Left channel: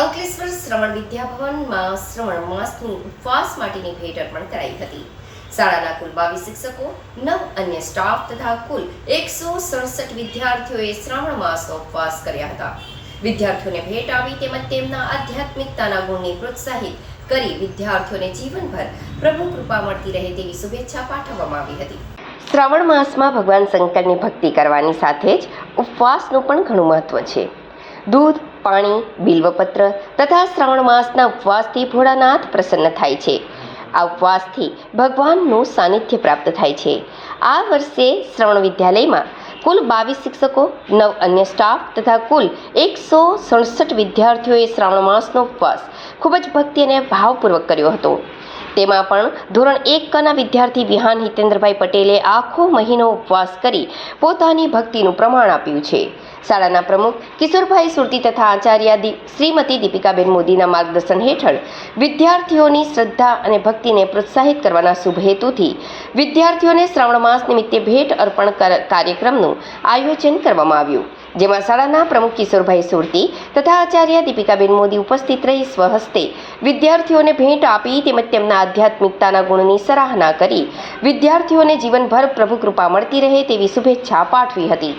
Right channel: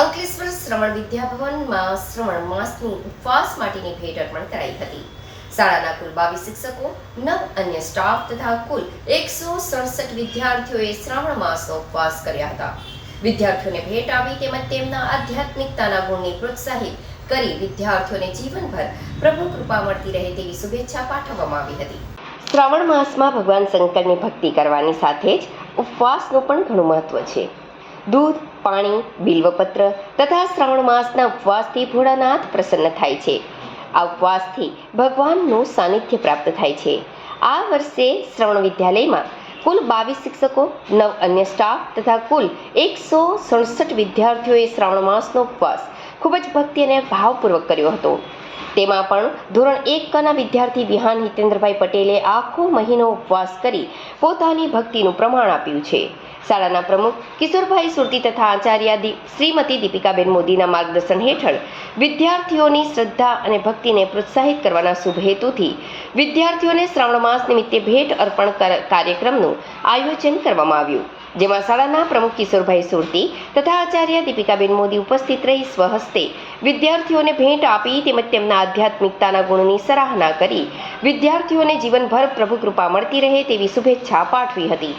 અંકલેશ્વર શ્રવણ વિદ્યાભવનમાં શ્રવણ માસની ઉપવાસ માટેની ભેટ અર્પણ કરાઈ હતી. શાળાના કુલ બાવીસ શિક્ષકો, નવ અન્ય સ્ટાફ તથા કુલ એકસો સડસઠ વિદ્યાર્થીઓએ શ્રાવણ માસનો ઉપવાસ કર્યા હતા. વિદ્યાર્થીઓને ભેટ આવી તેમજ તેમના આધ્યાત્મિકતાના ગુણને પ્રોત્સાહિત કરી વિદ્યાર્થીઓને જીવનભર પ્રભુ કૃપા મળતી રહે તેવી શુભેચ્છા પાઠવવામાં આવી હતી. શ્રાવણ માસમાં ભગવાન શંકરની ભક્તિ કરવાની સાથે જ ઉપવાસનું પણ ઘણું મહત્વ છે. દૂધ, પાણી, બિલ્વપત્ર તથા શ્રાવણ માસના ઉપવાસથી ભોળાનાથ પ્રસન્ન થાય છે. આ ઉપવાસથી ભગવાનનું સાનિધ્ય પ્રાપ્ત થાય છે. આ વર્ષે શ્રવણ વિદ્યાલયમાં કુલ બાવીસ શિક્ષકો, નવ અન્ય સ્ટાફ તથા કુલ એકસો સડસઠ વિદ્યાર્થીઓએ શ્રાવણ માસનો ઉપવાસ ખૂબ જ ભક્તિ અને ભાવપૂર્વક કર્યો હતો. તેમાં પણ ધોરણ એકના વિદ્યાર્થી વિહાન હિતેન્દ્રભાઈ પટેલે આખો મહિનો ઉપવાસ કરી પોતાની ભક્તિનું પ્રમાણ આપ્યું છે. શાળાના પ્રમુખ કિશોરભાઈ સુરતી તથા આચાર્ય શ્રીમતી દીપિકાબેન મોદીના માર્ગદર્શન હેઠળ વિદ્યાર્થીઓની શ્રદ્ધા અને ભક્તિને પ્રોત્સાહિત કરવાના શુભ હેતુથી વિદ્યાર્થીઓને શ્રાવણ માસ નિમિત્તે ભેટ અર્પણ કાર્યક્રમનું આયોજન કરવામાં આવ્યું. જેમાં શાળાના પ્રમુખ કિશોરભાઈ સુરતી તથા આચાર્ય દીપિકાબેન મોદી ઉપસ્થિત રહી સ્વહસ્તે વિદ્યાર્થીઓને ભેટ આપી તેમજ તેમના આધ્યાત્મિકતાના ગુણની સરાહના કરી. વિદ્યાર્થીઓને જીવનભર પ્રભુ કૃપા મળતી રહે તેવી શુભેચ્છા પાઠવી હતી.